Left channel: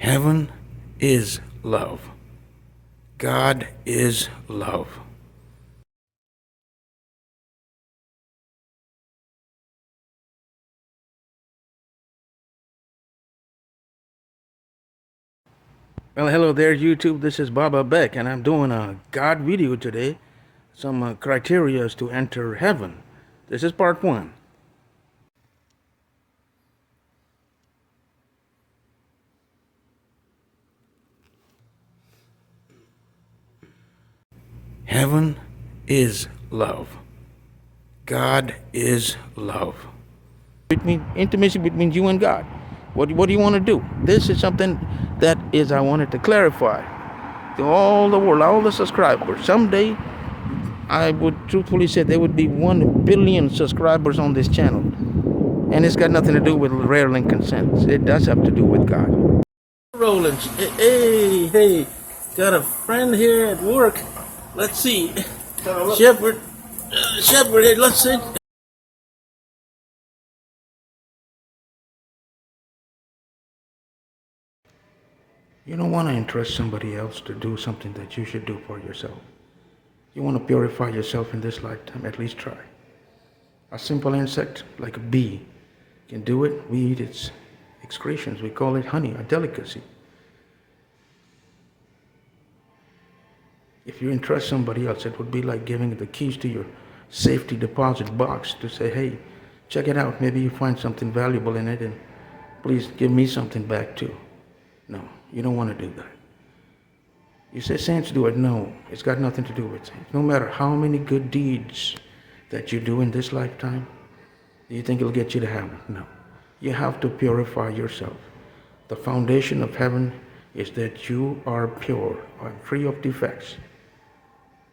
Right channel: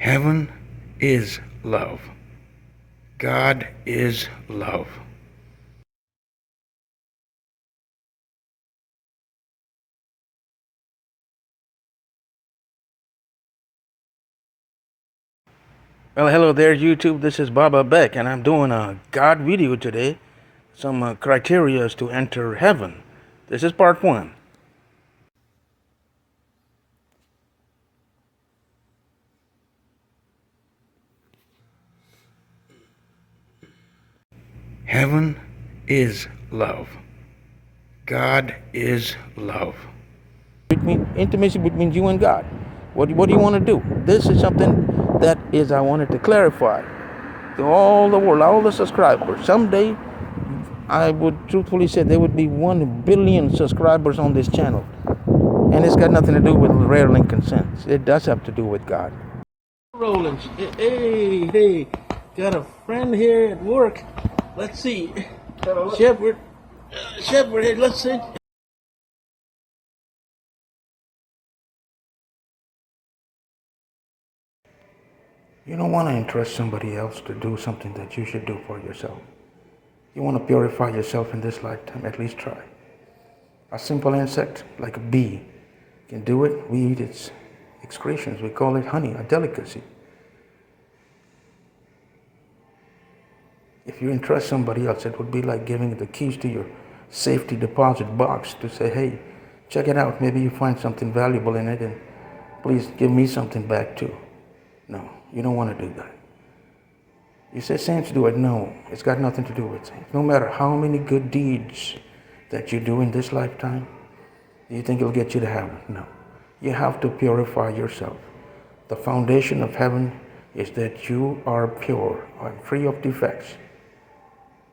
Heaven is love. God is love. Well, hello there, YouTube. This is Baba Beck, and I'm doing a God video today. Some criteria to enter heaven. This is part one. Heaven is love. God is love. Intimacy between you and God. What do you want to do? This is something that is I wanted to clarify to all the world, all the subscribers. Someday, I would truthfully say there would be 1 billion subscribers on this channel. And it's got nothing to do with rare link consent. It does have to do with God. Rolling. Hey, got a friend here at work. Let's see. Shepherd, hey, let's see. You don't want to entrust somebody else to do something that you should do for yourself. You want to purify yourself in this lifetime, at least try. A simple insect like a bee can do it. We eat its excretions. We call it honey, a delicacy. If you entrust somebody else, it would be like giving the keys to your safety deposit box to say, hey, check it out. Maybe you find something valuable in it, and please give me something back too. No, you don't want to do that. You say saints do it. No, it's got nothing to do with saints. No matter how many good deeds that you do in this lifetime, do you think it'll get you to heaven? No. You have to purify yourself. The foundation of heaven is that you are pure and free of defects.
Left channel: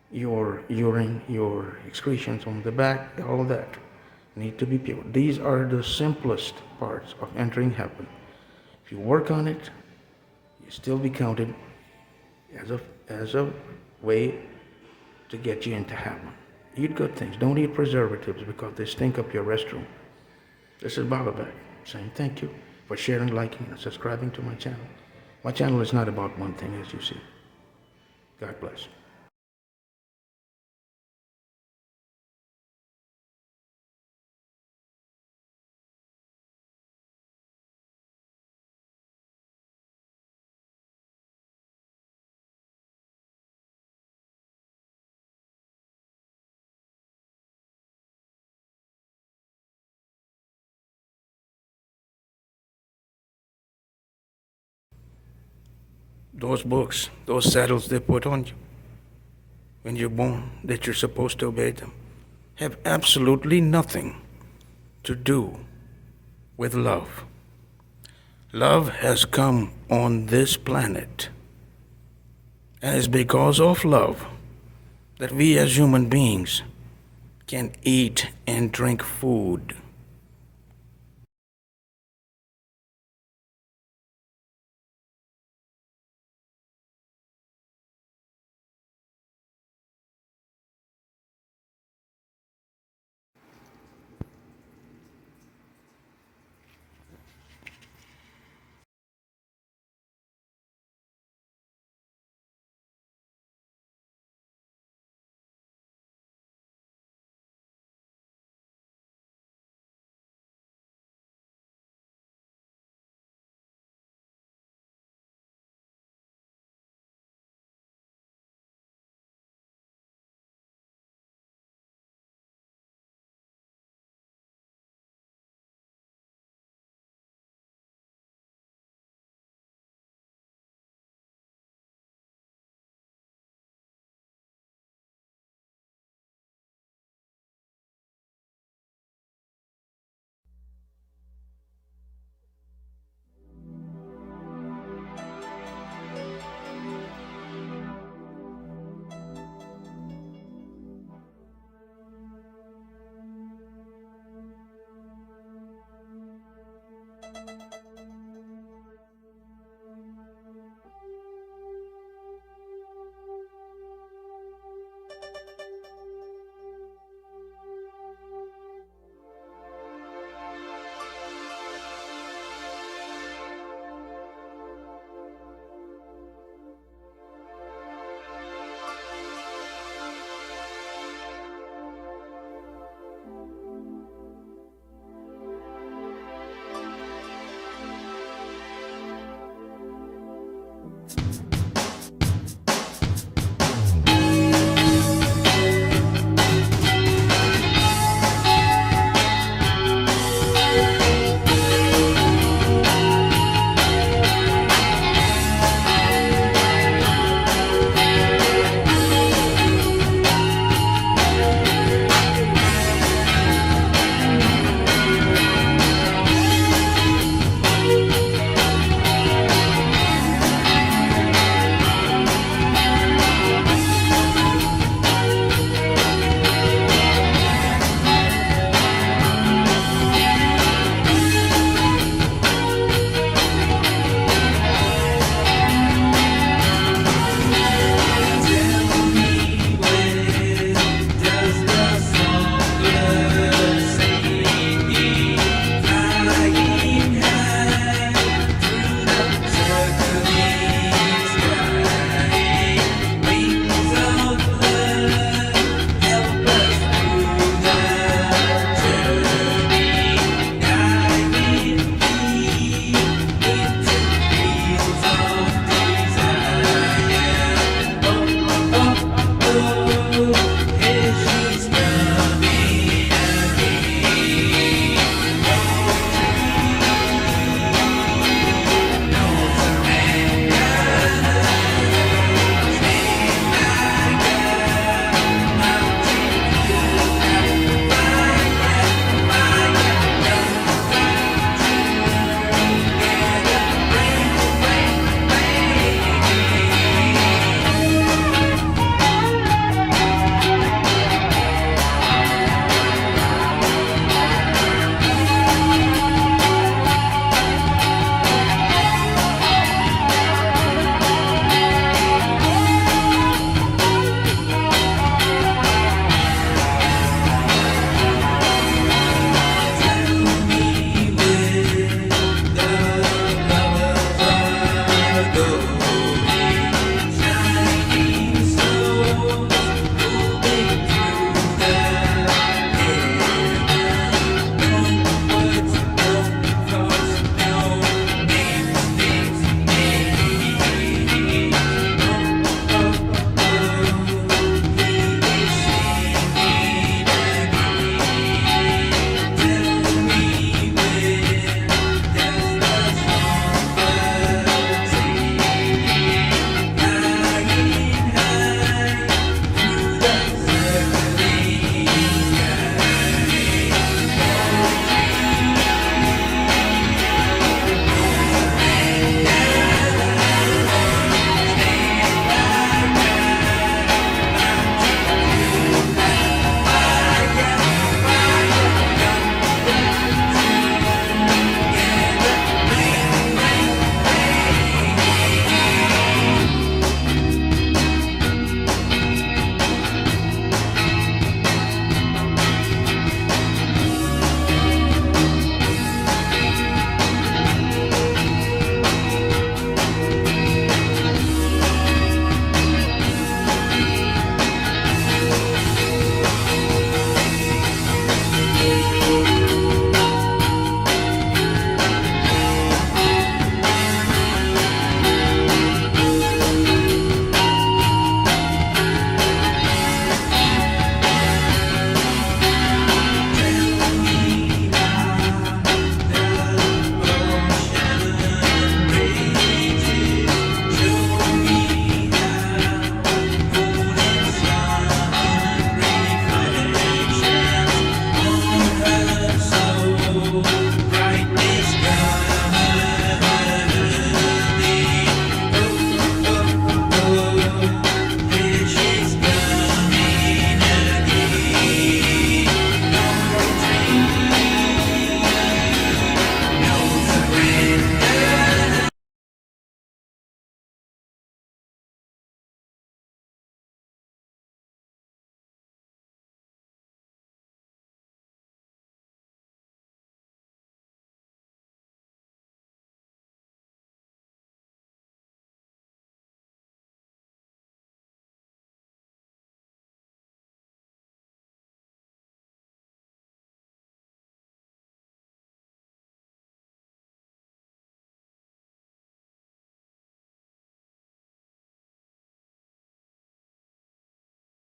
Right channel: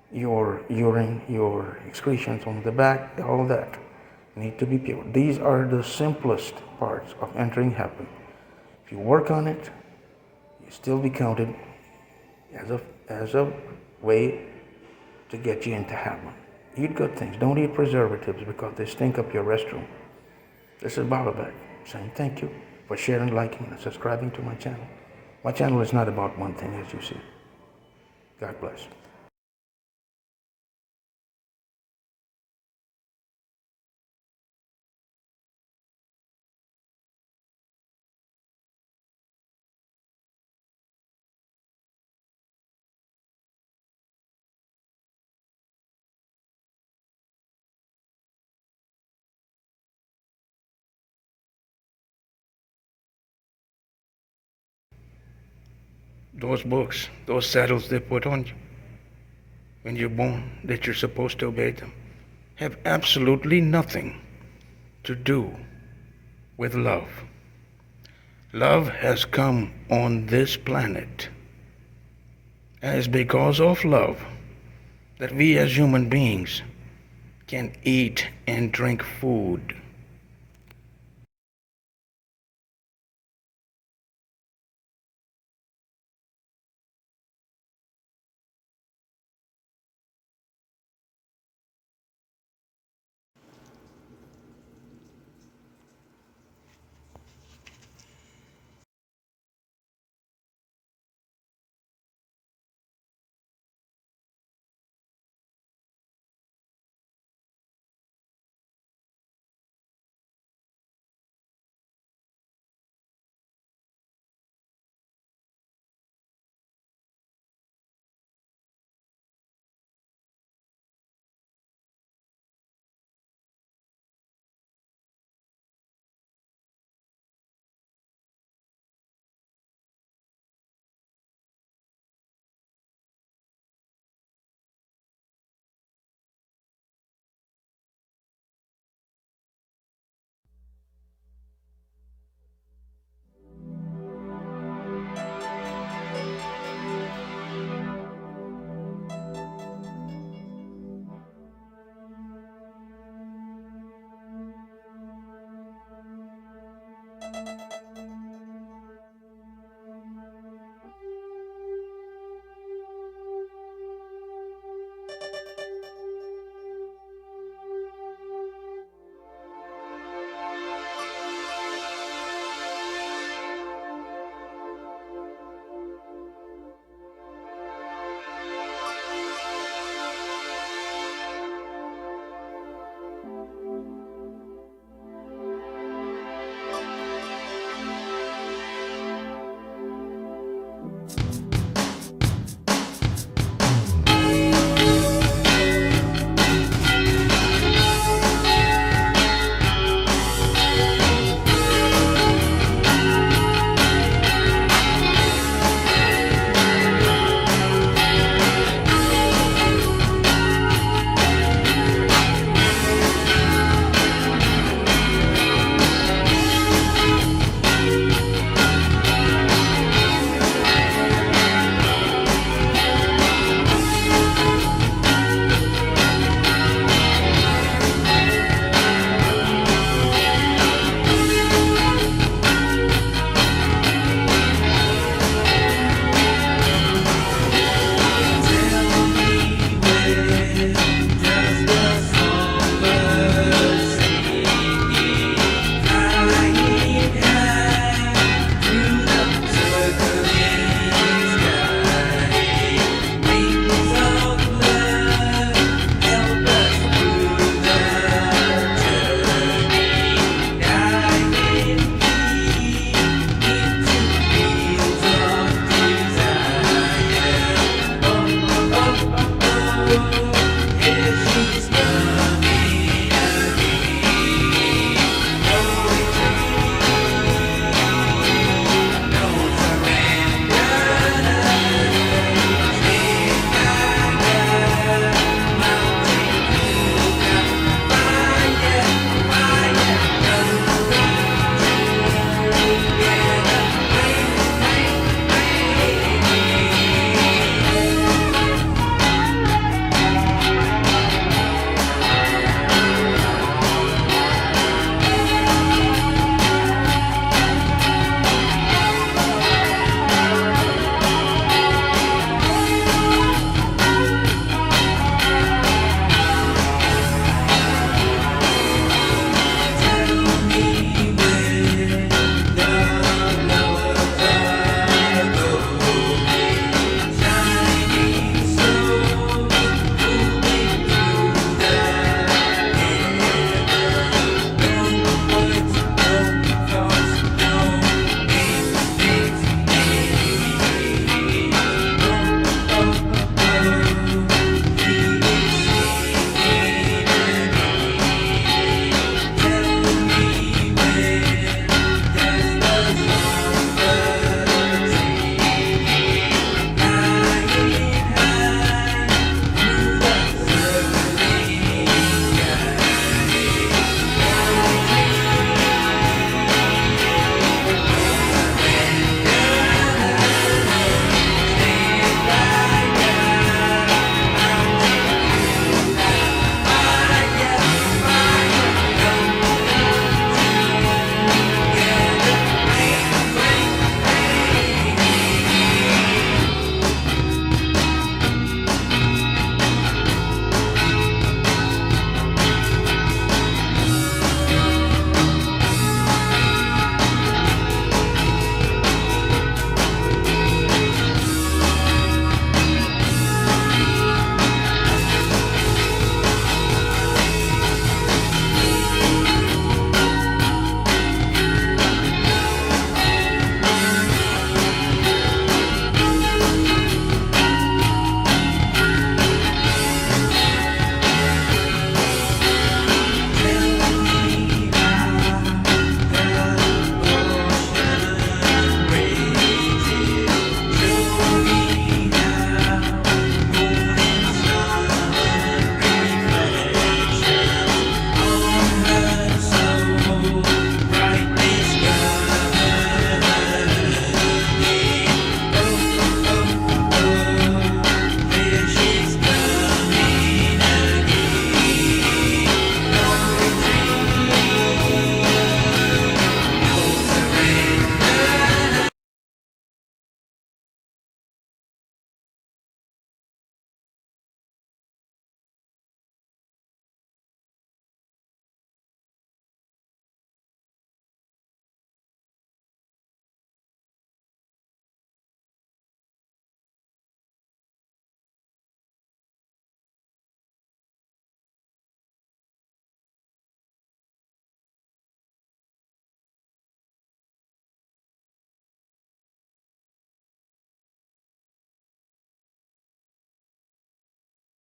Your urine, your excretions on the back, all of that need to be pure. These are the simplest parts of entering heaven. If you work on it, you still be counted as a way to get you into heaven. Eat good things. Don't eat preservatives because they stink up your restroom. This is Baba Beck saying thank you for sharing, liking, and subscribing to my channel. My channel is not about one thing, as you see. God bless. Those books, those saddles they put on you when you're born, that you're supposed to obey them, have absolutely nothing to do with love. Love has come on this planet, and it's because of love that we as human beings can eat and drink food.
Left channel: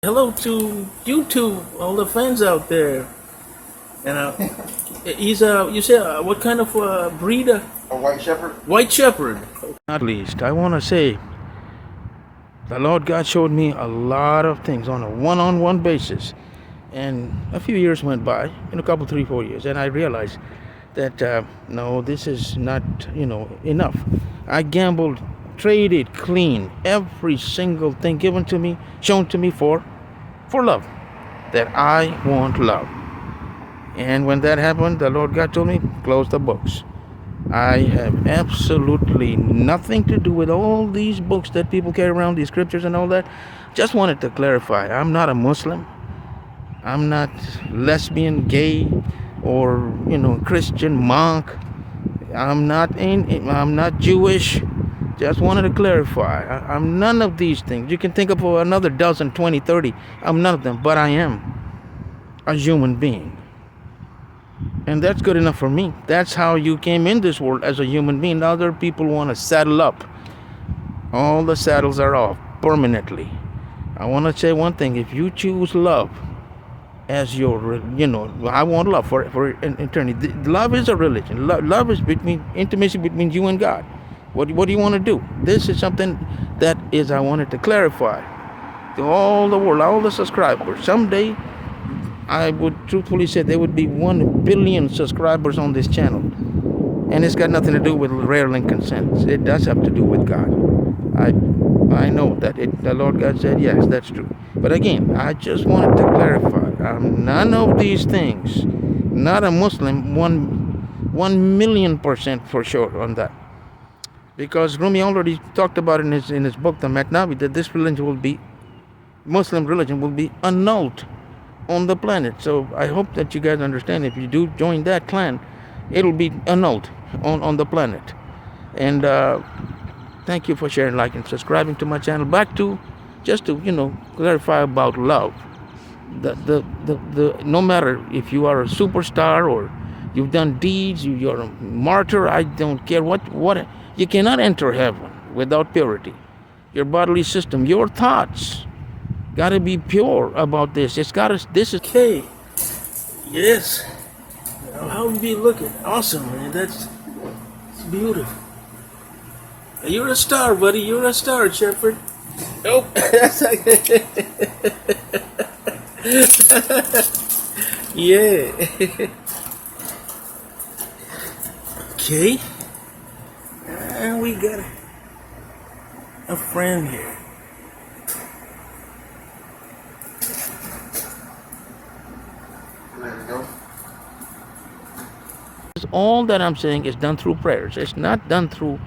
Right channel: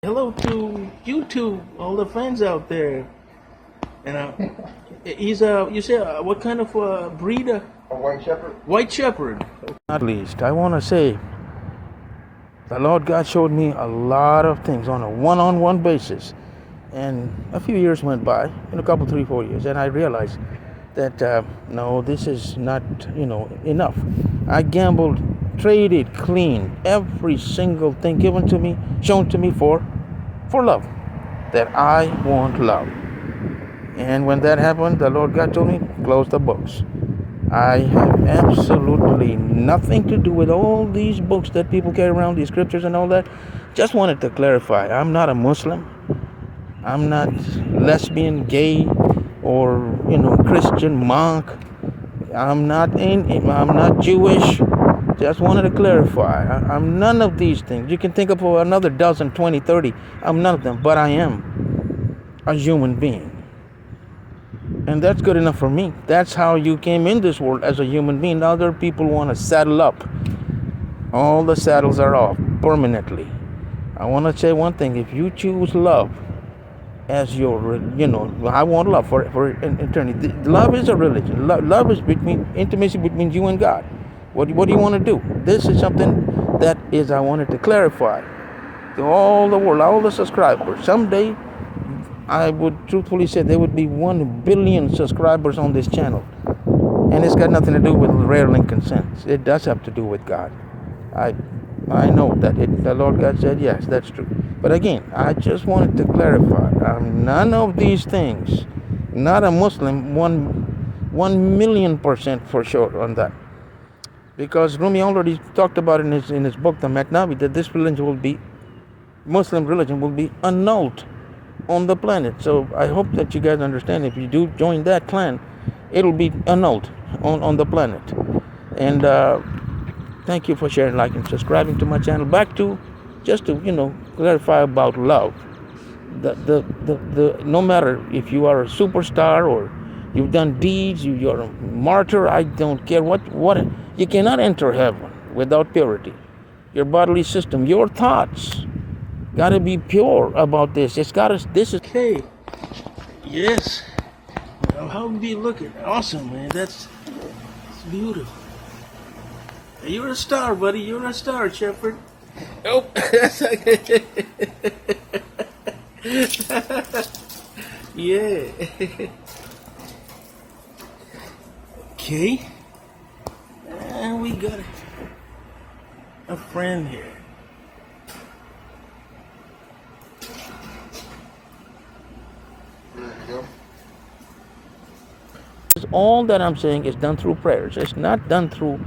hello to YouTube, all the fans out there. He's you said what kind of breed? A white shepherd. White shepherd. At least I want to say, the Lord God showed me a lot of things on a one-on-one basis, and a few years went by, in a couple, 3, 4 years, and I realized that no, this is not, enough. I gambled, traded clean every single thing given to me, shown to me for love. That I want love. And when that happened, the Lord God told me, close the books. I have absolutely nothing to do with all these books that people carry around, these scriptures and all that. Just wanted to clarify, I'm not a Muslim. I'm not lesbian, gay, or Christian, monk. I'm not Jewish. Just wanted to clarify. I'm none of these things. You can think of another dozen, 20, 30. I'm none of them, but I am a human being. And that's good enough for me. That's how you came in this world, as a human being. Other people want to saddle up. All the saddles are off permanently. I want to say one thing. If you choose love as your, I want love for eternity. Love is a religion. Love is intimacy between you and God. What do you want to do? This is something that is, I wanted to clarify to all the world, all the subscribers. Someday, I would truthfully say there would be 1 billion subscribers on this channel. And it's got nothing to do with rare link consents. It does have to do with God. I know that the Lord God said, yes, that's true. But again, I just wanted to clarify. I'm none of these things. Not a Muslim, 1,000,000% for sure on that. Because Rumi already talked about in his book, the Maknavi, that this religion will be, Muslim religion will be annulled on the planet. So I hope that you guys understand, if you do join that clan, it'll be annulled on the planet. And thank you for sharing, liking, subscribing to my channel. Back to just to clarify about love. The no matter if you are a superstar or you've done deeds, you're a martyr, I don't care what you cannot enter heaven without purity. Your bodily system, your thoughts, got to be pure about this. It's got to. This is okay. Yes. How we be looking awesome, man. That's beautiful. You're a star, buddy. You're a star, Shepherd. Nope. Yeah. Okay. And we got a friend here. All that I'm saying is done through prayers. It's not done through,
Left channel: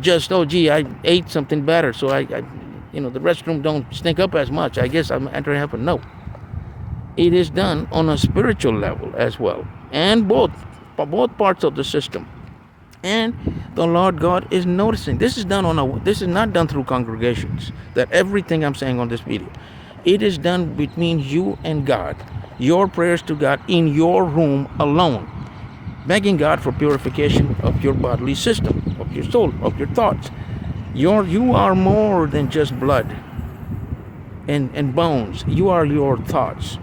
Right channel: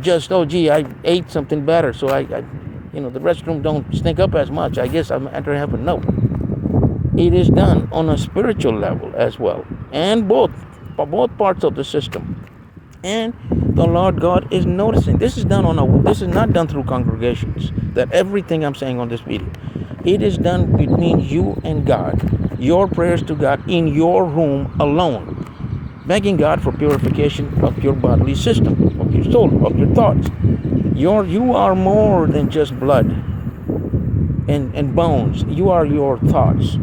just, oh, gee, I ate something better, so I the restroom don't stink up as much. I guess I'm entering heaven. No. It is done on a spiritual level as well. And both parts of the system. And the Lord God is noticing. This is not done through congregations. That everything I'm saying on this video. It is done between you and God. Your prayers to God in your room alone. Begging God for purification of your bodily system, of your soul, of your thoughts. You are more than just blood and bones. You are your thoughts.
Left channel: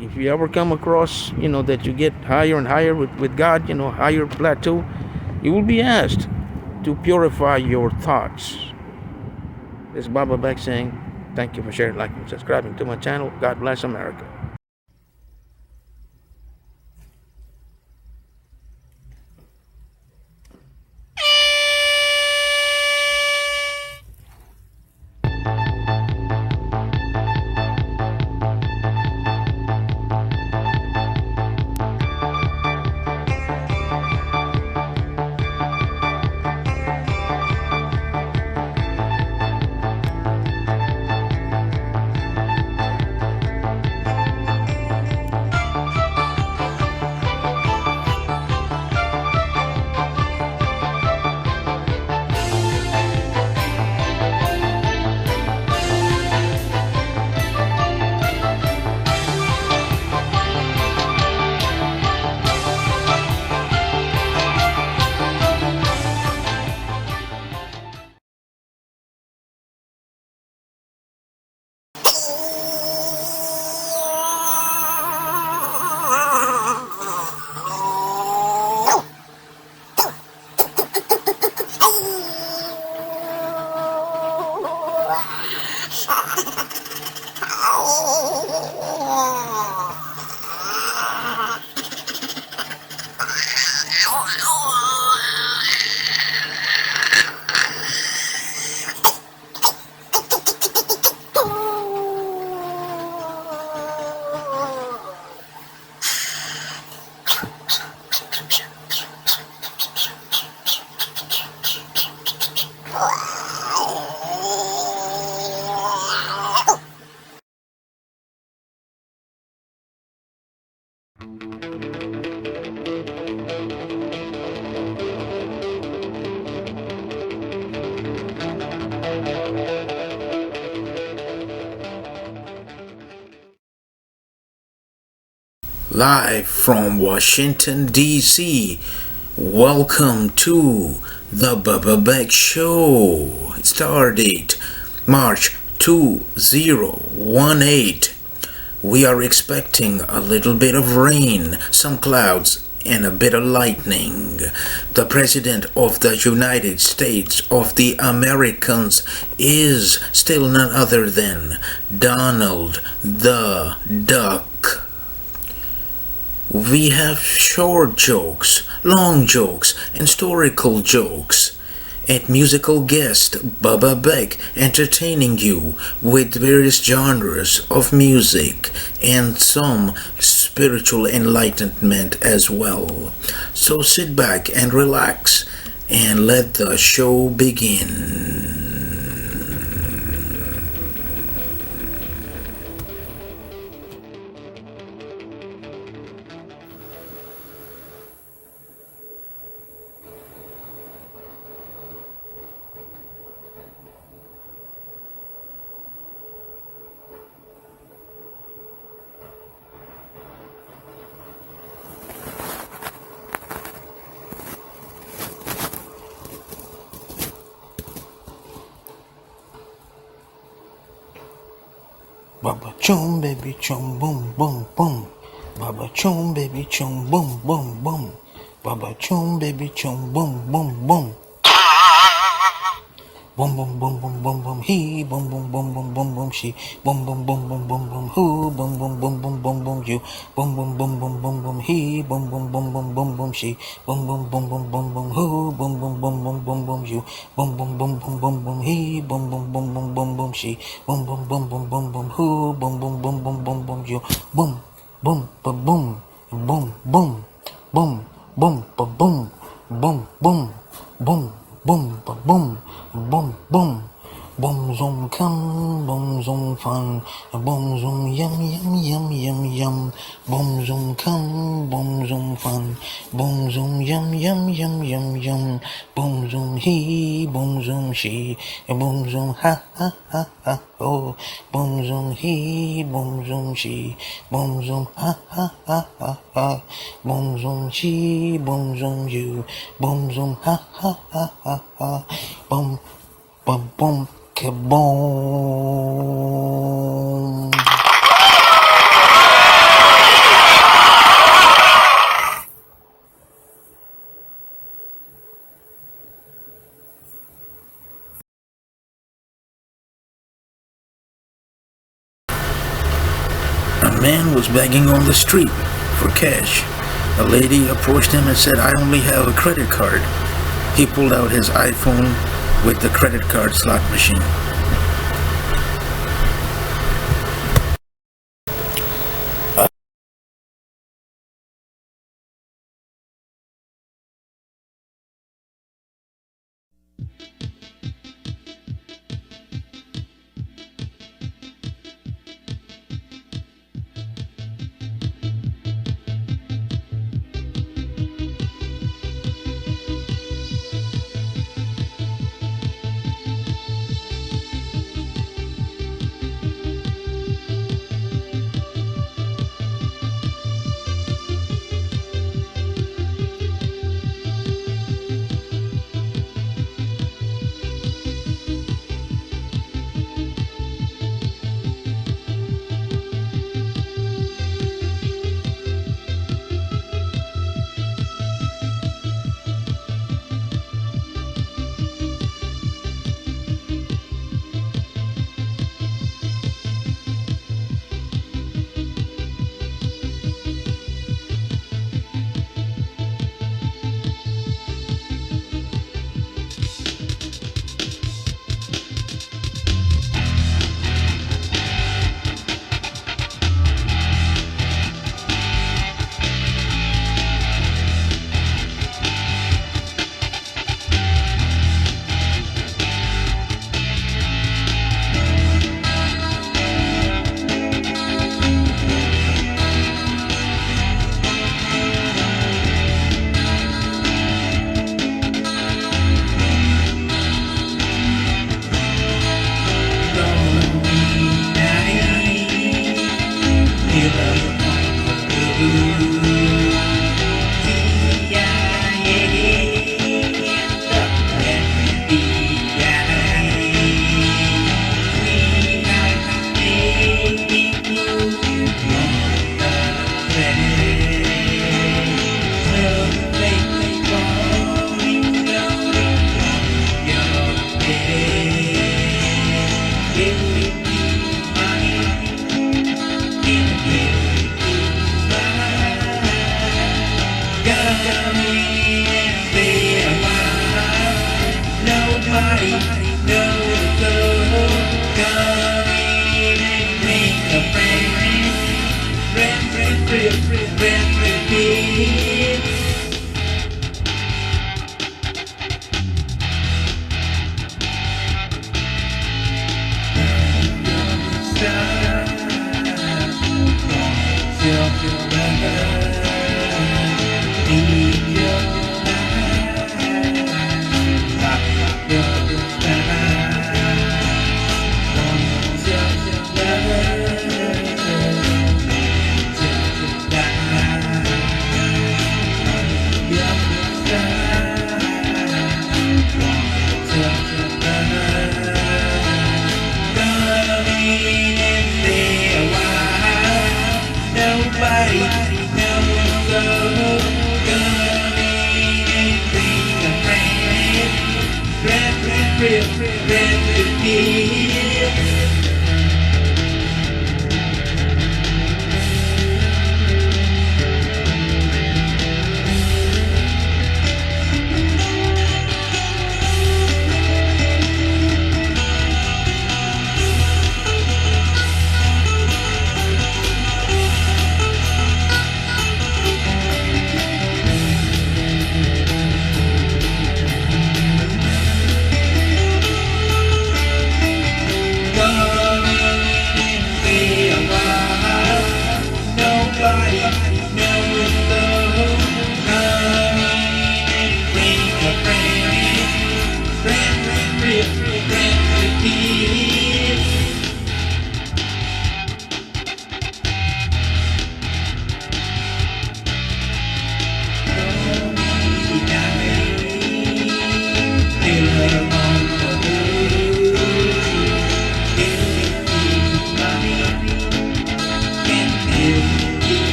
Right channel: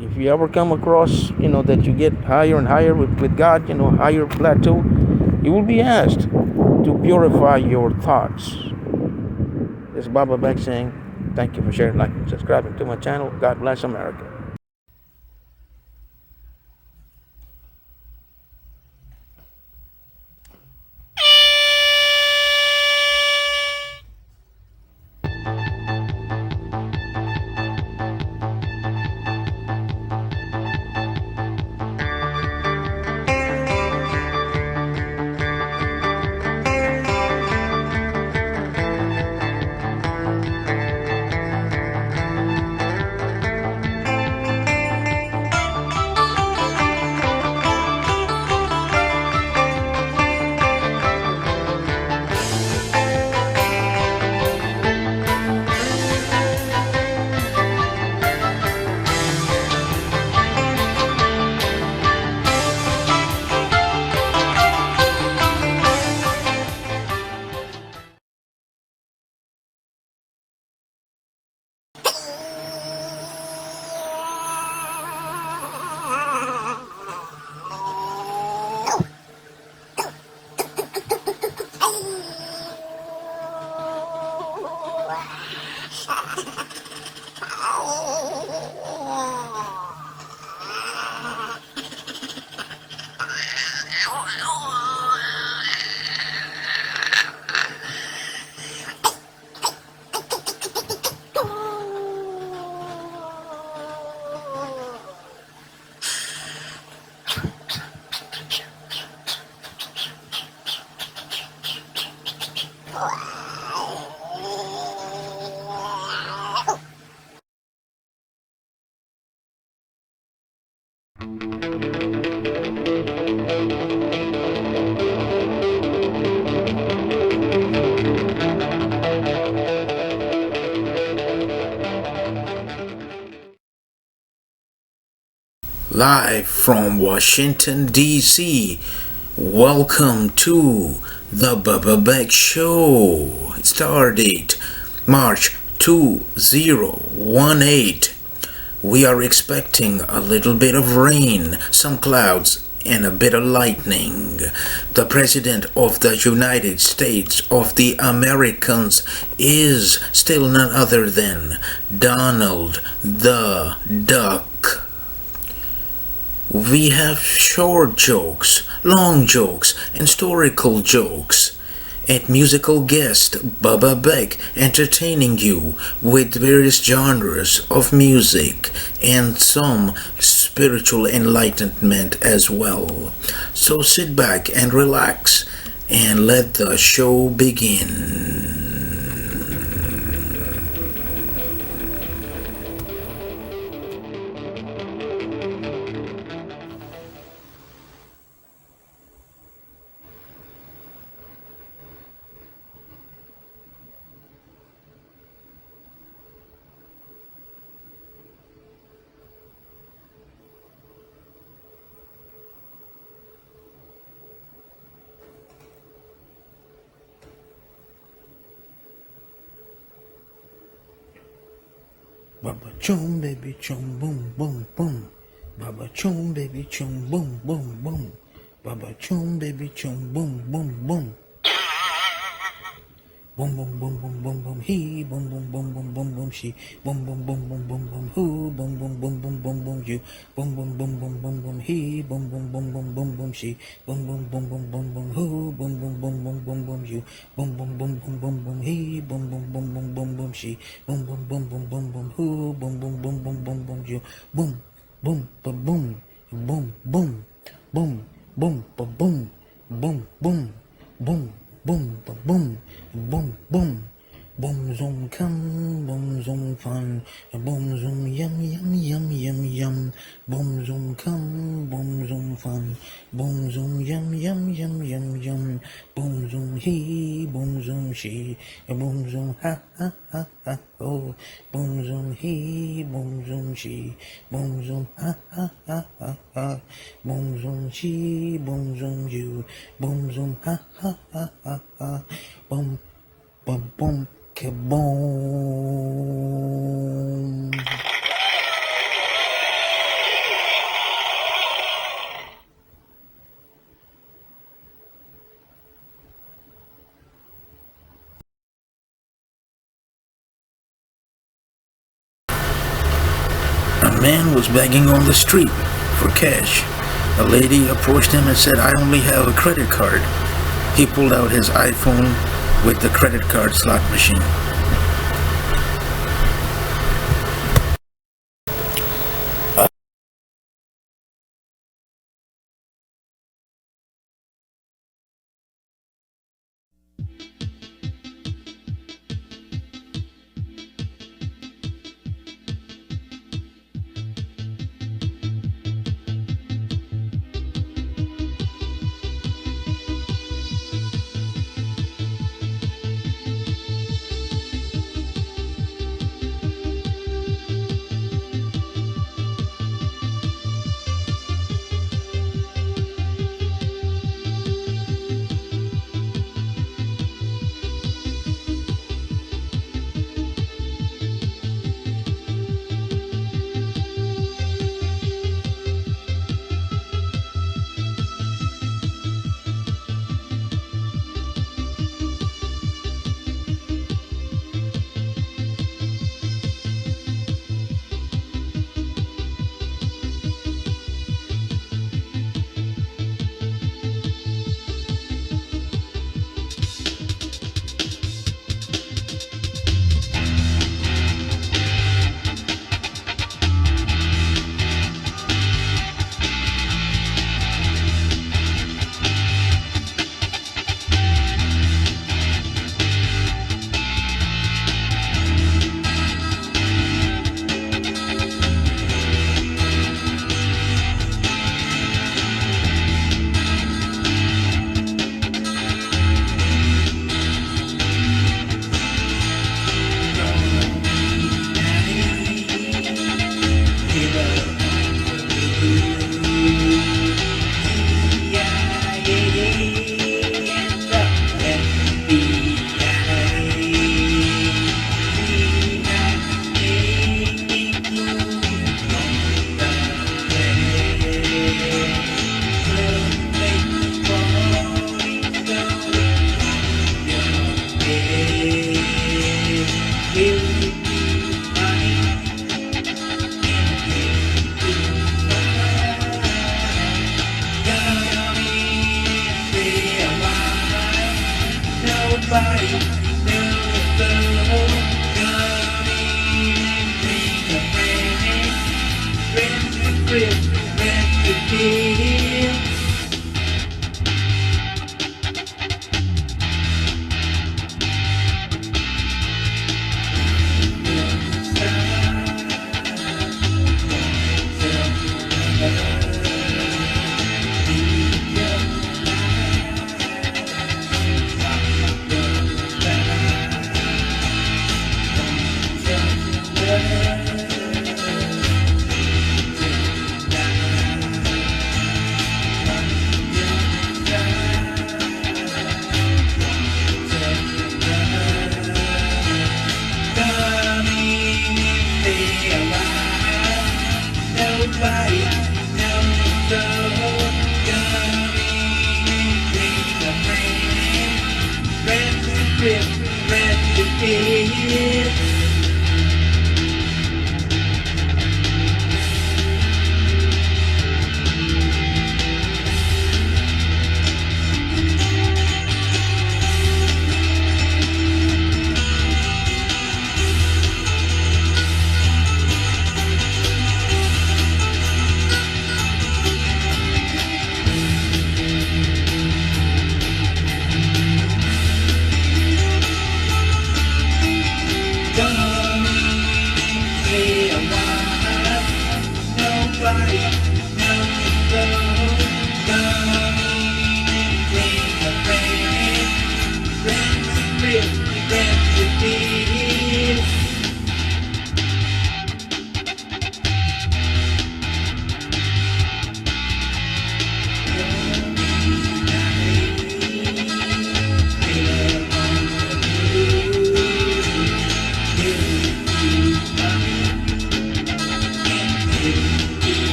If you ever come across, that you get higher and higher with God, higher plateau, you will be asked to purify your thoughts. This is Baba Beck saying, thank you for sharing, liking, and subscribing to my channel. God bless America. Live from Washington, D.C., welcome to the Beck Show. Star date March 2018. We are expecting a little bit of rain, some clouds, and a bit of lightning. The President of the United States of the Americans is still none other than Donald the Duck. We have short jokes, long jokes, and historical jokes. And musical guest Bubba Beck entertaining you with various genres of music and some spiritual enlightenment as well. So sit back and relax and let the show begin. Baba chum baby chum boom boom boom. Baba chum baby chum boom boom boom. Baba chum baby chum boom boom boom. Boom boom boom boom boom boom he boom boom boom boom boom boom she boom boom boom boom boom boom who boom boom boom boom boom boom you boom boom boom boom boom boom he boom boom boom boom boom boom she boom boom boom boom boom boom who boom boom boom boom boom boom you boom boom boom boom boom boom he boom boom boom boom boom boom she boom boom boom boom boom boom who boom boom boom boom boom boom you boom boom ba boom boom boom boom boom ba boom boom boom boom boom ba boom boom boom boom zoom come boom zoom fun boom zoom yum yum yum yum yum boom zoom come boom zoom fun boom zoom yum yum yum yum yum boom zoom he boom zoom she boom zoom ha ha ha ha oh boom zoom he boom zoom she boom zoom ha ha ha ha ha boom zoom she boom zoom you boom zoom ha ha ha ha ha boom boom boom kaboom. A man was begging on the street for cash. A lady approached him and said, "I only have a credit card." He pulled out his iPhone with the credit card slot machine.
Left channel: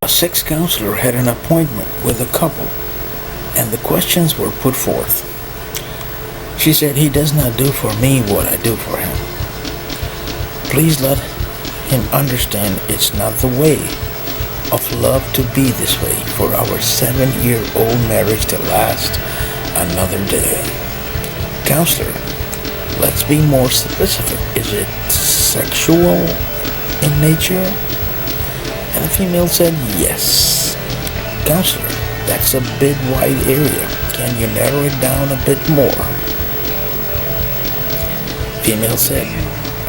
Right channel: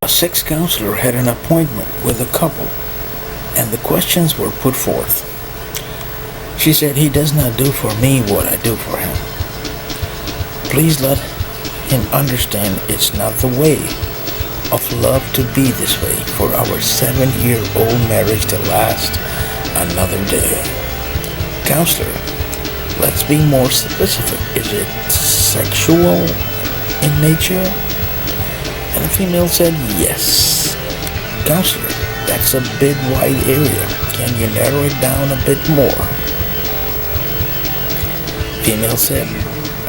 A sex counselor had an appointment with a couple, and the questions were put forth. She said, "He does not do for me what I do for him. Please let him understand it's not the way of love to be this way for our 7-year-old marriage to last another day." Counselor, let's be more specific. Is it sexual in nature? And the female said yes. Counselor, that's a bit wide area. Can you narrow it down a bit more? Female said,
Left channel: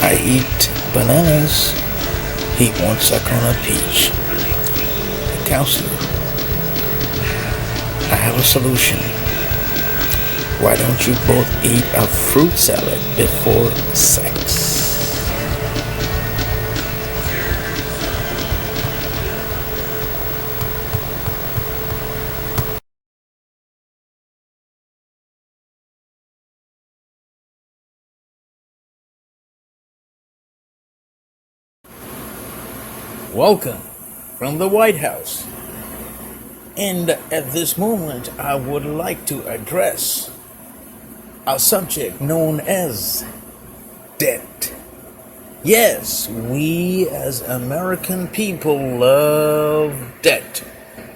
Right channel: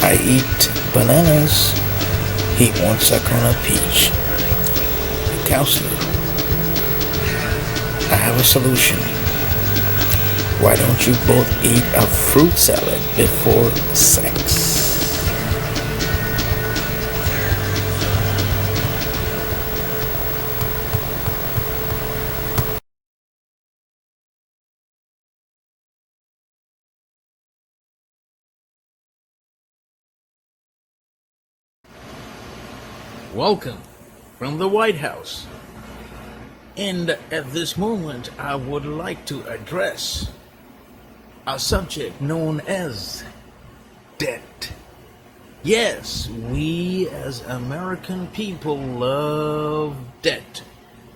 I eat bananas. He won't suck on a peach. The counselor, I have a solution. Why don't you both eat a fruit salad before sex? Welcome from the White House. And at this moment, I would like to address a subject known as debt. Yes, we as American people love debt,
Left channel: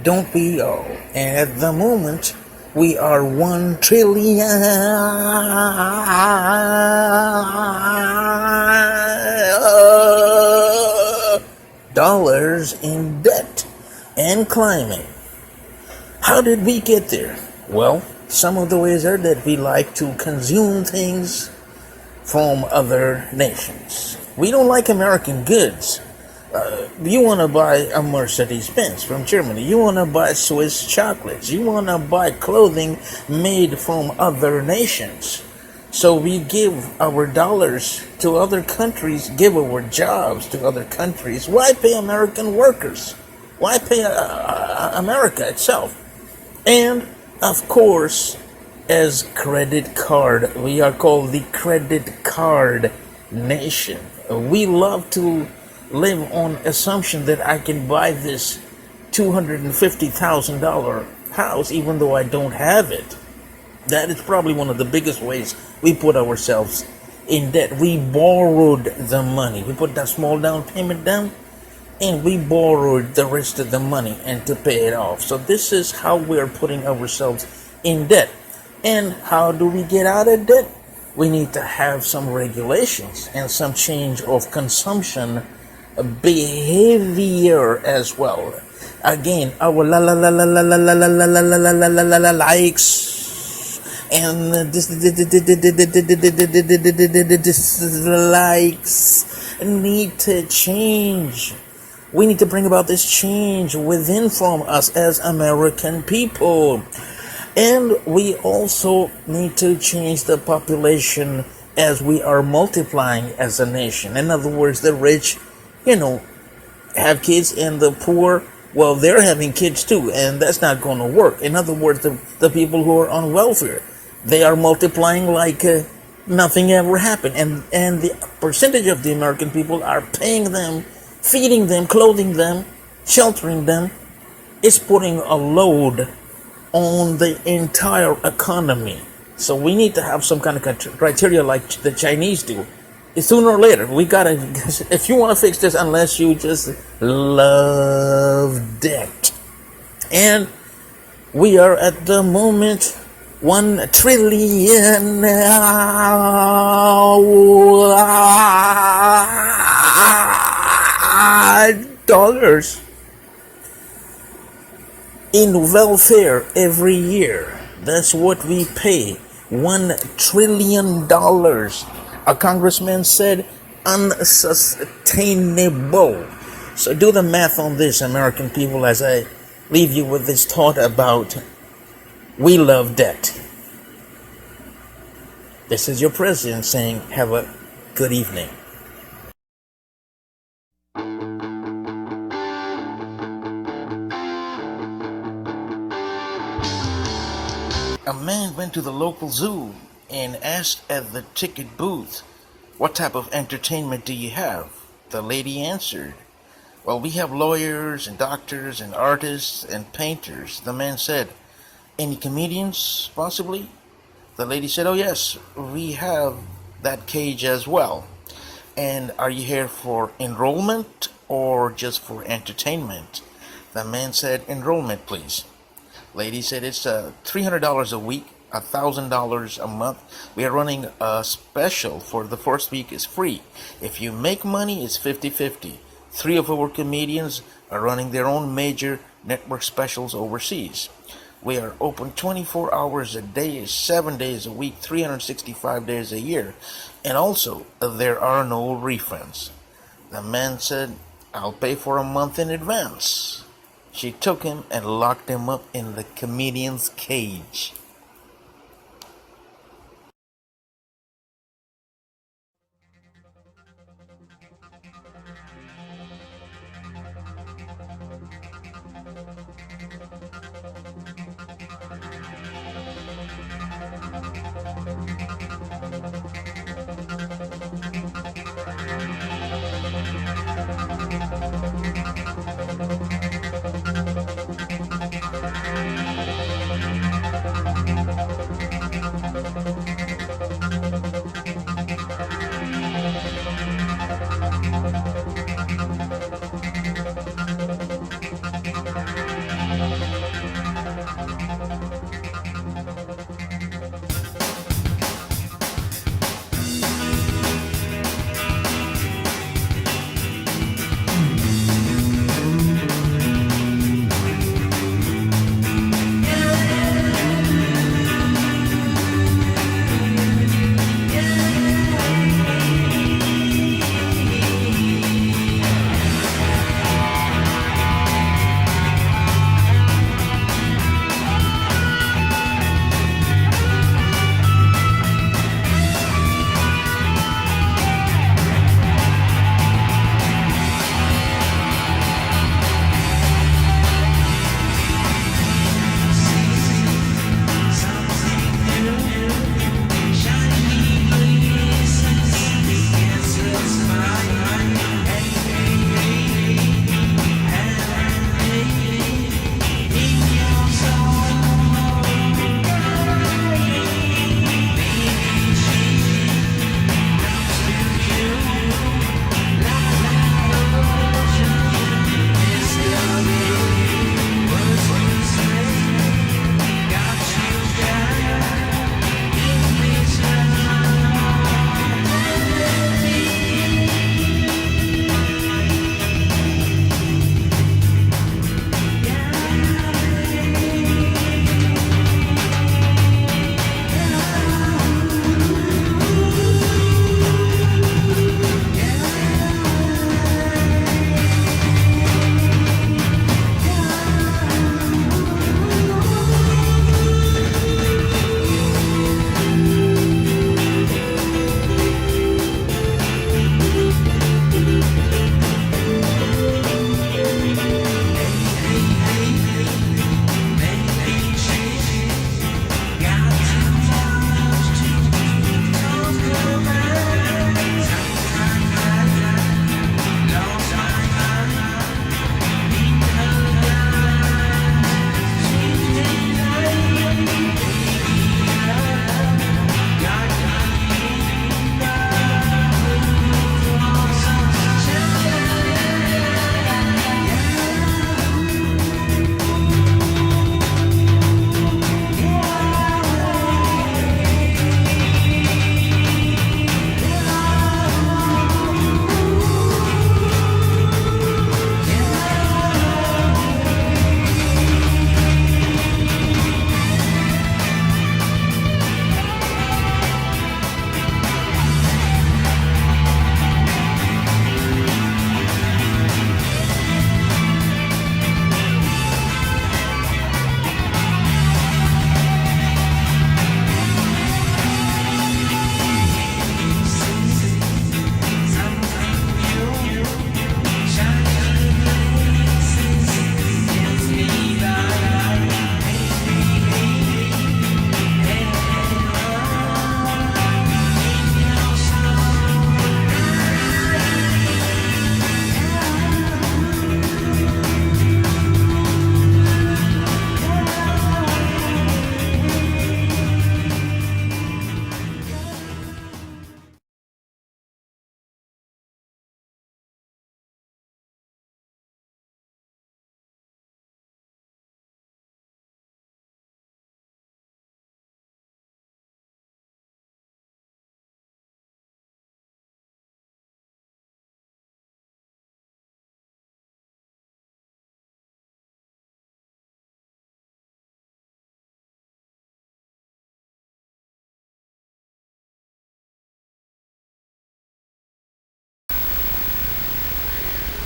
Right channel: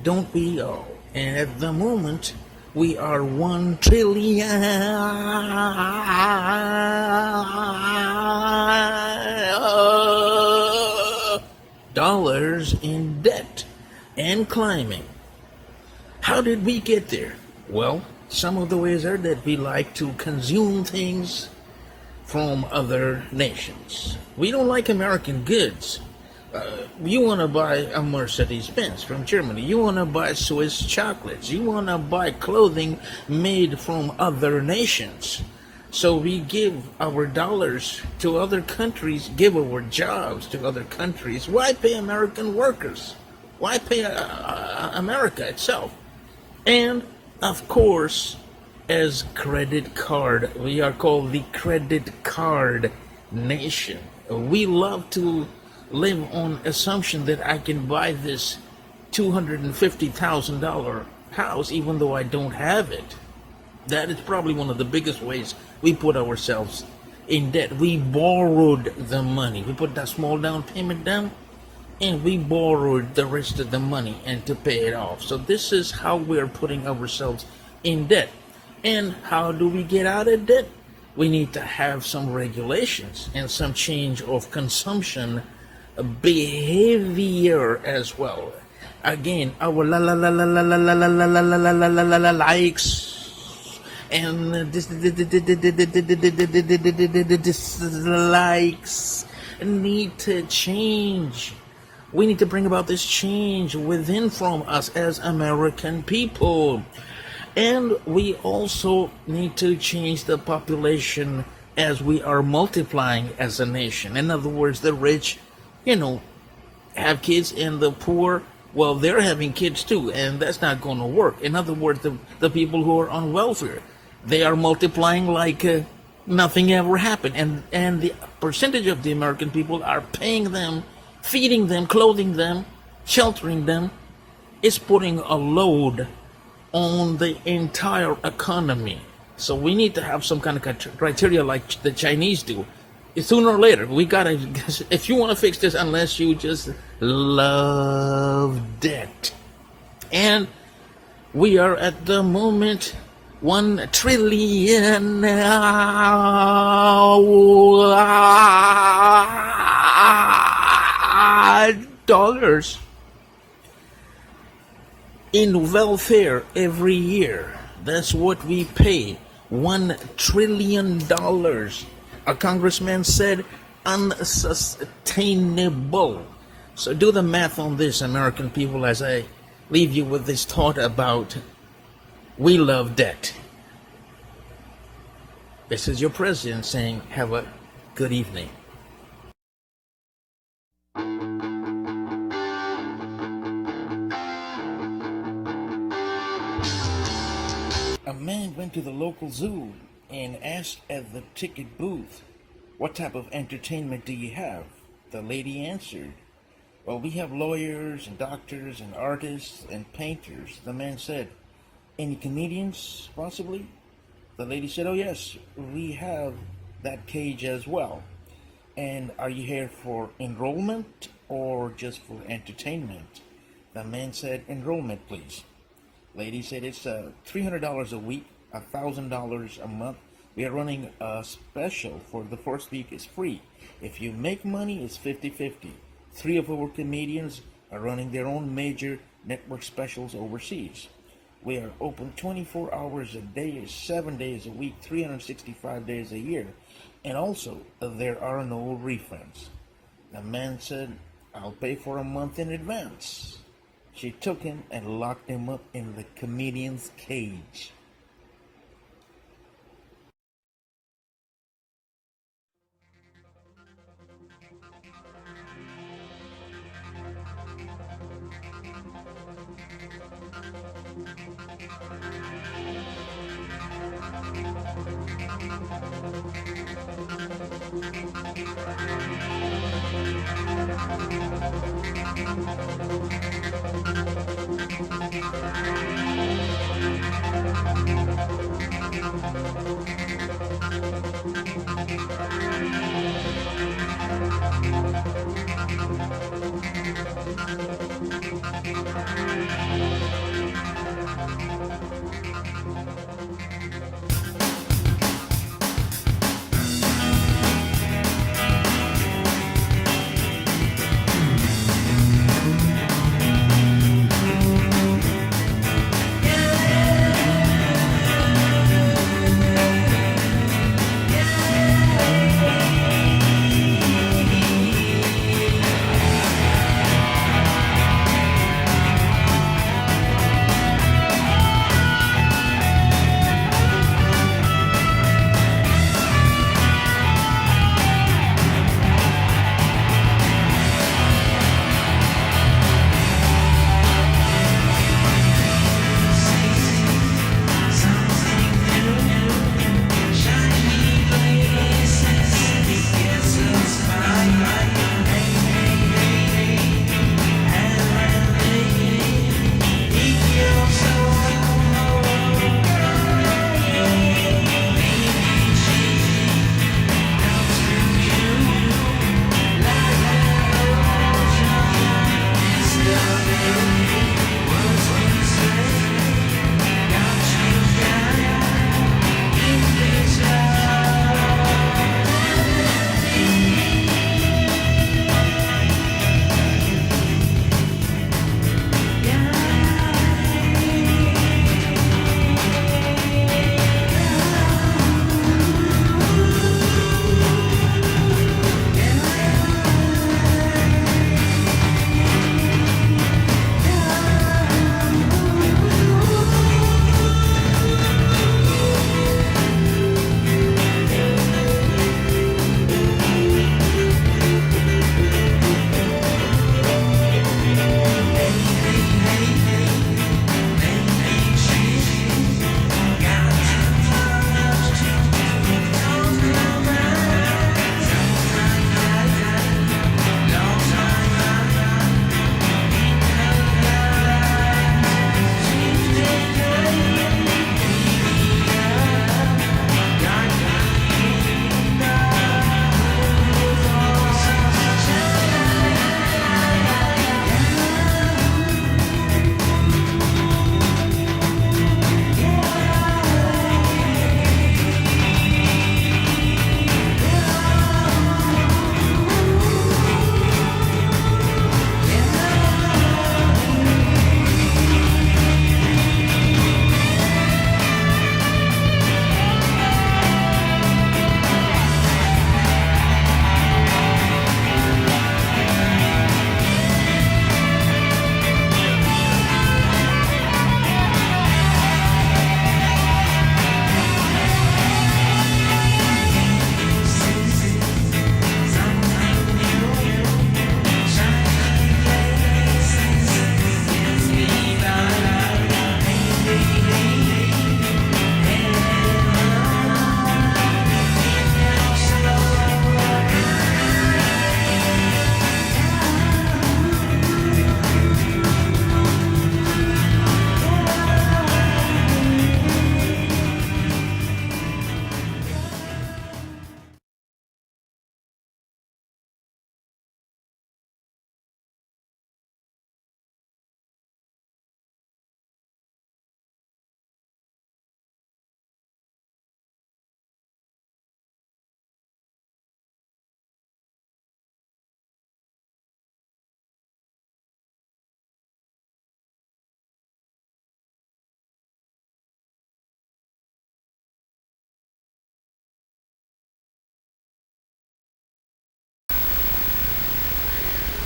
don't we all? And at the moment, we are $1 trillion dollars in debt and climbing. How did we get there? Well, some of the ways are that we like to consume things from other nations. We don't like American goods. You want to buy a Mercedes-Benz from Germany. You want to buy Swiss chocolates. You want to buy clothing made from other nations. So we give our dollars to other countries, give our jobs to other countries. Why pay American workers? Why pay America itself? And, of course, as credit card, we are called the credit card nation. We love to live on assumption that I can buy this $250,000 house even though I don't have it. That is probably one of the biggest ways we put ourselves in debt. We borrowed the money. We put that small down payment down, and we borrowed the rest of the money and to pay it off. So this is how we're putting ourselves in debt. And how do we get out of debt? We need to have some regulations and some change of consumption behavior as well. Again, our likes and dislikes need to change. We need to bring about this change within from us as American people. And we also need to change the population as we are multiplying as a nation. In other words, the rich, have kids, and the poor, well, they're having kids too, and that's not going to work. In other words, the people who are on welfare, they are multiplying like nothing ever happened. And the percentage of the American people are paying them, feeding them, clothing them, sheltering them, is putting a load on the entire economy. So we need to have some kind of criteria like the Chinese do. Sooner or later, we gotta, if you want to fix this, unless you just love debt. And we are at the moment $1 trillion dollars in welfare every year. That's what we pay. $1 trillion. A congressman said unsustainable. So do the math on this, American people, as I leave you with this thought about we love debt. This is your president saying, have a good evening. A man went to the local zoo and asked at the ticket booth, "What type of entertainment do you have?" The lady answered, "Well, we have lawyers and doctors and artists and painters." The man said, "Any comedians, possibly?" The lady said, "Oh yes, we have that cage as well. And are you here for enrollment or just for entertainment?" The man said, "Enrollment, please." Lady said, "It's $300 a week, $1,000 a month. We are running a special for the first week is free. If you make money, it's 50-50. 3 of our comedians are running their own major network specials overseas. We are open 24 hours a day, 7 days a week, 365 days a year. And also, there are no refunds." The man said, "I'll pay for a month in advance." She took him and locked him up in the comedian's cage.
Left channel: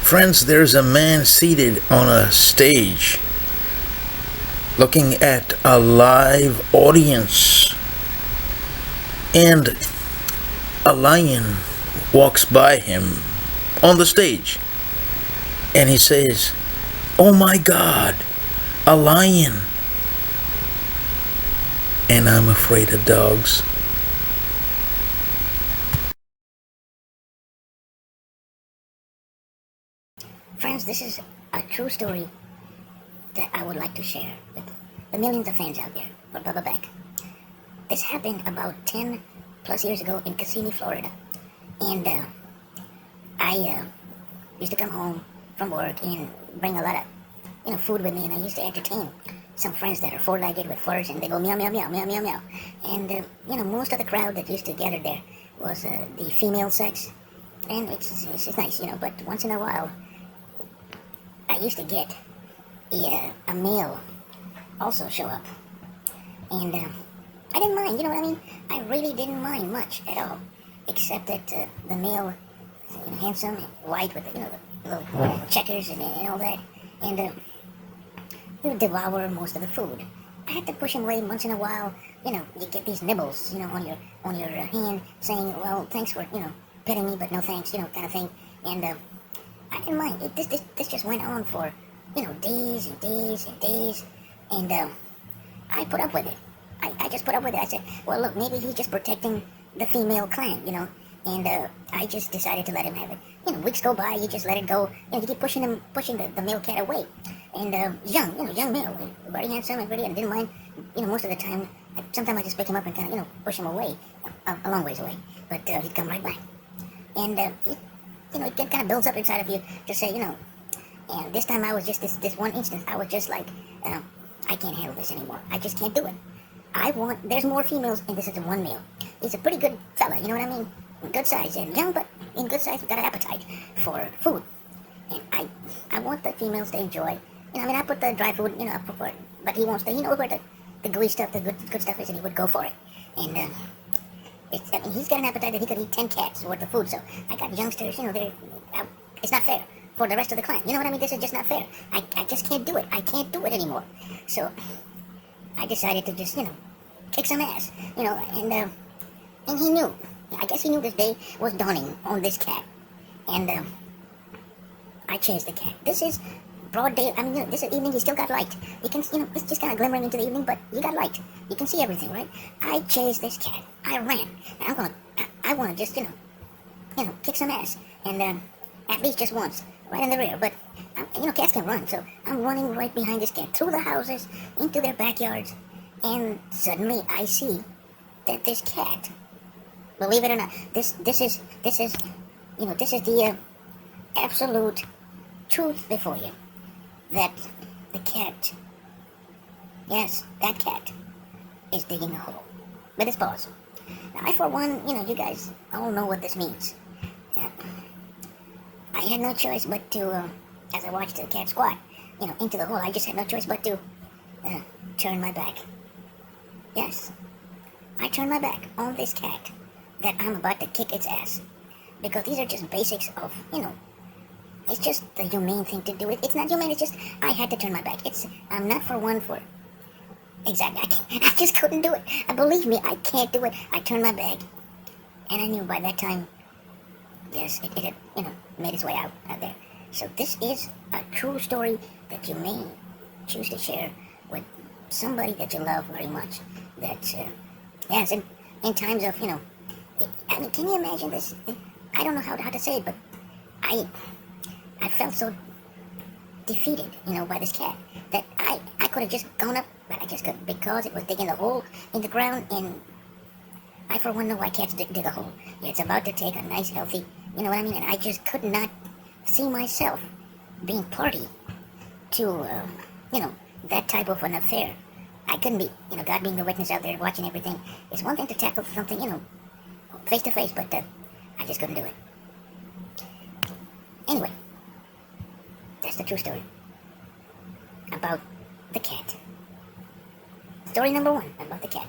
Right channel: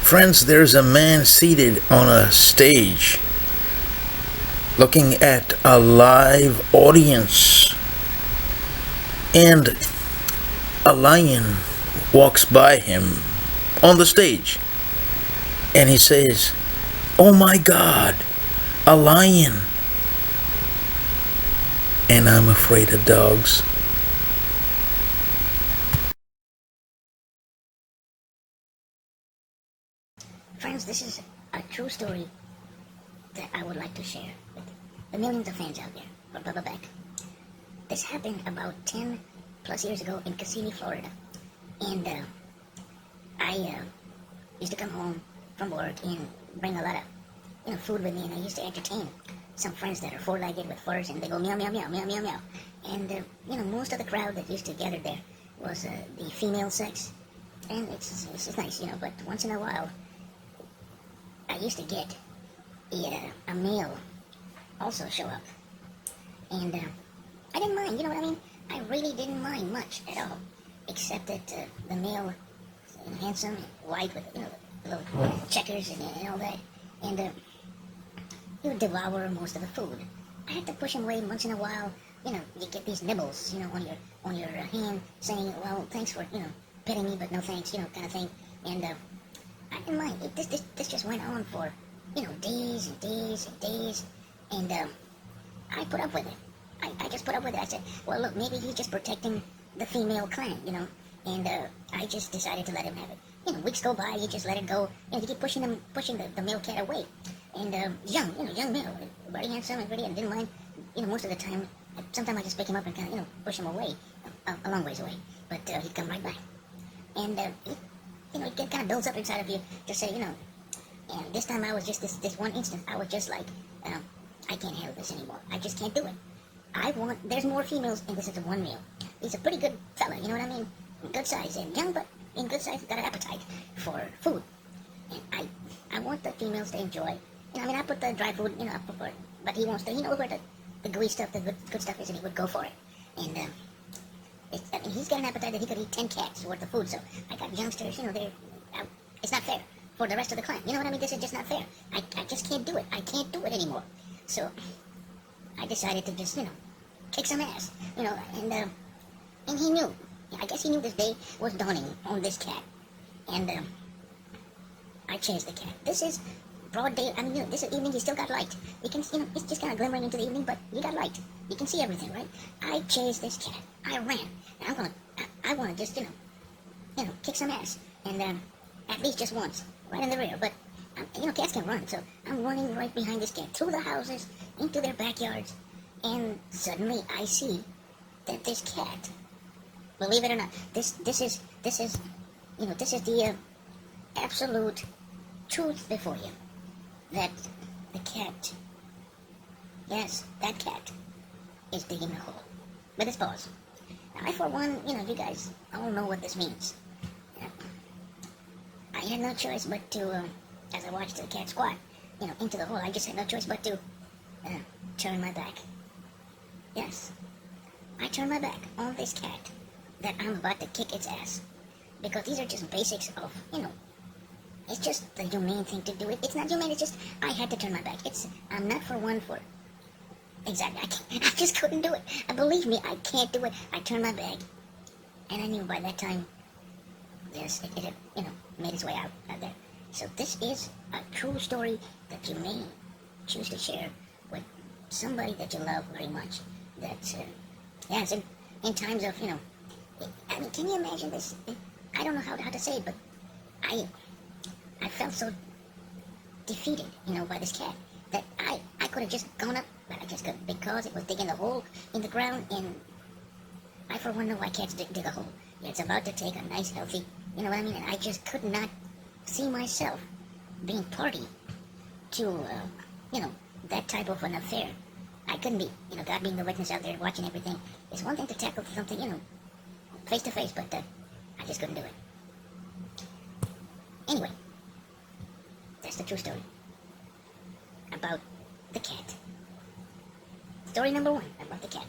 Friends, there's a man seated on a stage looking at a live audience, and a lion walks by him on the stage, and he says, "Oh my God, a lion!" And I'm afraid of dogs. Friends, this is a true story that I would like to share with the millions of fans out there for Bubba Beck. This happened about 10 plus years ago in Kissimmee, Florida. And I used to come home from work and bring a lot of food with me, and I used to entertain some friends that are four-legged with furs, and they go meow, meow, meow, meow, meow, meow. And most of the crowd that used to gather there was the female sex, and it's nice, but once in a while, I used to get a male also show up. And I didn't mind, I really didn't mind much at all, except that the male, handsome, white with the little checkers and all that, and he would devour most of the food. I had to push him away once in a while. You get these nibbles, on your hand, saying, "Well, thanks for petting me, but no thanks," kind of thing. And I didn't mind. This just went on for days and days and days, and I put up with it. I just put up with it. I said, well, look, maybe he's just protecting the female clan, and I just decided to let him have it. Weeks go by, you just let it go, and you keep pushing the male cat away. And young male, very handsome, and I didn't mind, most of the time. Sometimes I just pick him up and kind of, push him away, a long ways away, but he'd come right back. And it kind of builds up inside of you to say, and this time I was just, this one instance, I was just like, I can't handle this anymore. I just can't do it. There's more females, and this is one male. He's a pretty good fella, you know what I mean? Good size, and young, but in good size, got an appetite for food. And I want the females to enjoy, I put the dry food, up for it, but he wants to, he knows where the gooey stuff, the good stuff is, and he would go for it. And, he's got an appetite that he could eat 10 cats worth of food, so I got youngsters, it's not fair for the rest of the clan. You know what I mean? This is just not fair. I just can't do it. I can't do it anymore. So I decided to just, kick some ass, and he knew. I guess he knew this day was dawning on this cat. And I chased the cat. This is broad day. This is evening. You still got light. You can, it's just kind of glimmering into the evening, but you got light. You can see everything, right? I chased this cat. I ran. Now I want to just, kick some ass, and at least just once, right in the rear. But cats can run, so I'm running right behind this cat through the houses, into their backyards, and suddenly I see that this cat, believe it or not, this is the absolute truth before you, that the cat, yes, that cat is digging a hole with his paws. Now, I, for one, you guys all know what this means. I had no choice but to, as I watched the cat squat, into the hole, I just had no choice but to turn my back. Yes, I turned my back on this cat that I'm about to kick its ass. Because these are just basics of, it's just the humane thing to do. It's not humane, it's just, I had to turn my back. I'm not for one for, exactly, I just couldn't do it. And believe me, I can't do it. I turned my back, and I knew by that time, yes, it had, made its way out there. So this is a true story that you may choose to share with somebody that you love very much. That, yes, in times of, can you imagine this? I don't know how to say it, but I felt so defeated, by this cat, that I could have just gone up, but I just couldn't, because it was digging a hole in the ground, and I for one know why cats dig a hole. It's about to take a nice, healthy, you know what I mean, and I just could not see myself being party to, that type of an affair. I couldn't be, God being the witness out there watching everything. It's one thing to tackle something, face to face, but I just couldn't do it. Anyway, that's the true story about the cat. Story number 1 about the cat.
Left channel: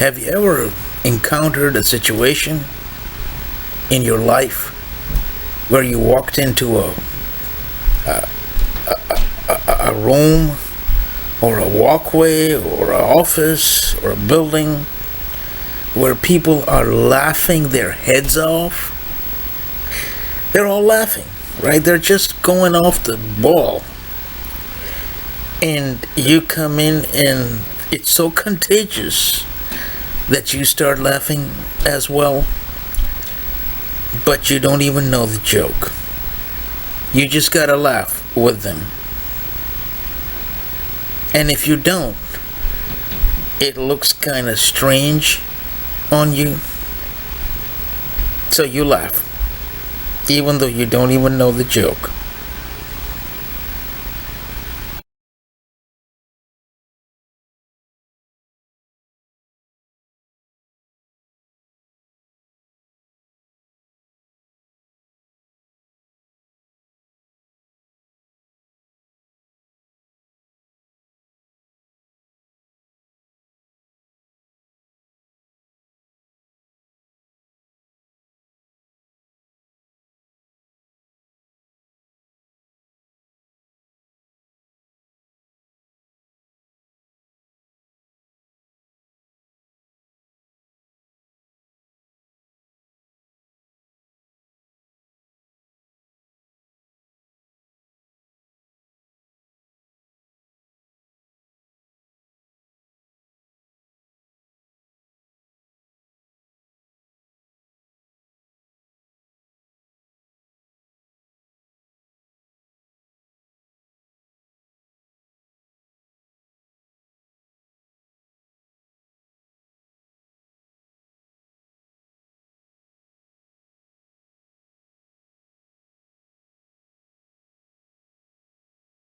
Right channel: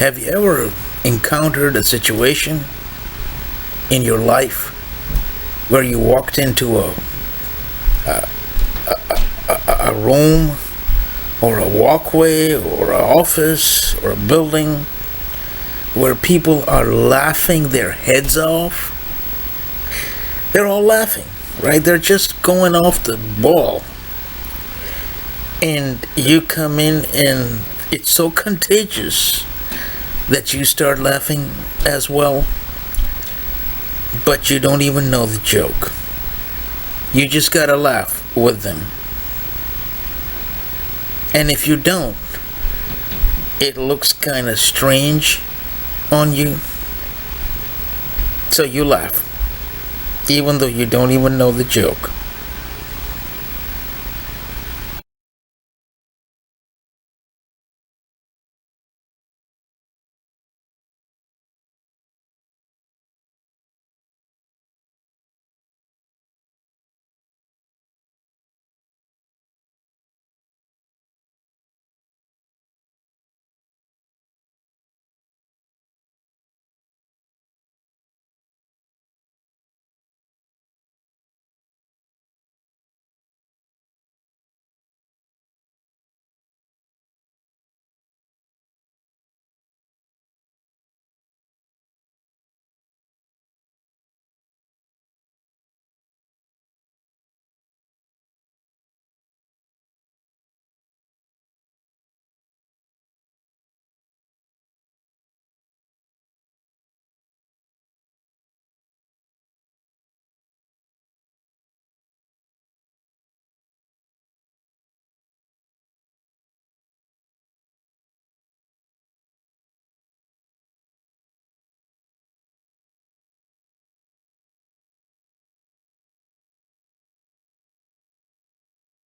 Have you ever encountered a situation in your life where you walked into a room or a walkway or an office or a building where people are laughing their heads off? They're all laughing, right? They're just going off the ball. And you come in and it's so contagious that you start laughing as well, but you don't even know the joke. You just gotta laugh with them. And if you don't, it looks kind of strange on you. So you laugh, even though you don't even know the joke.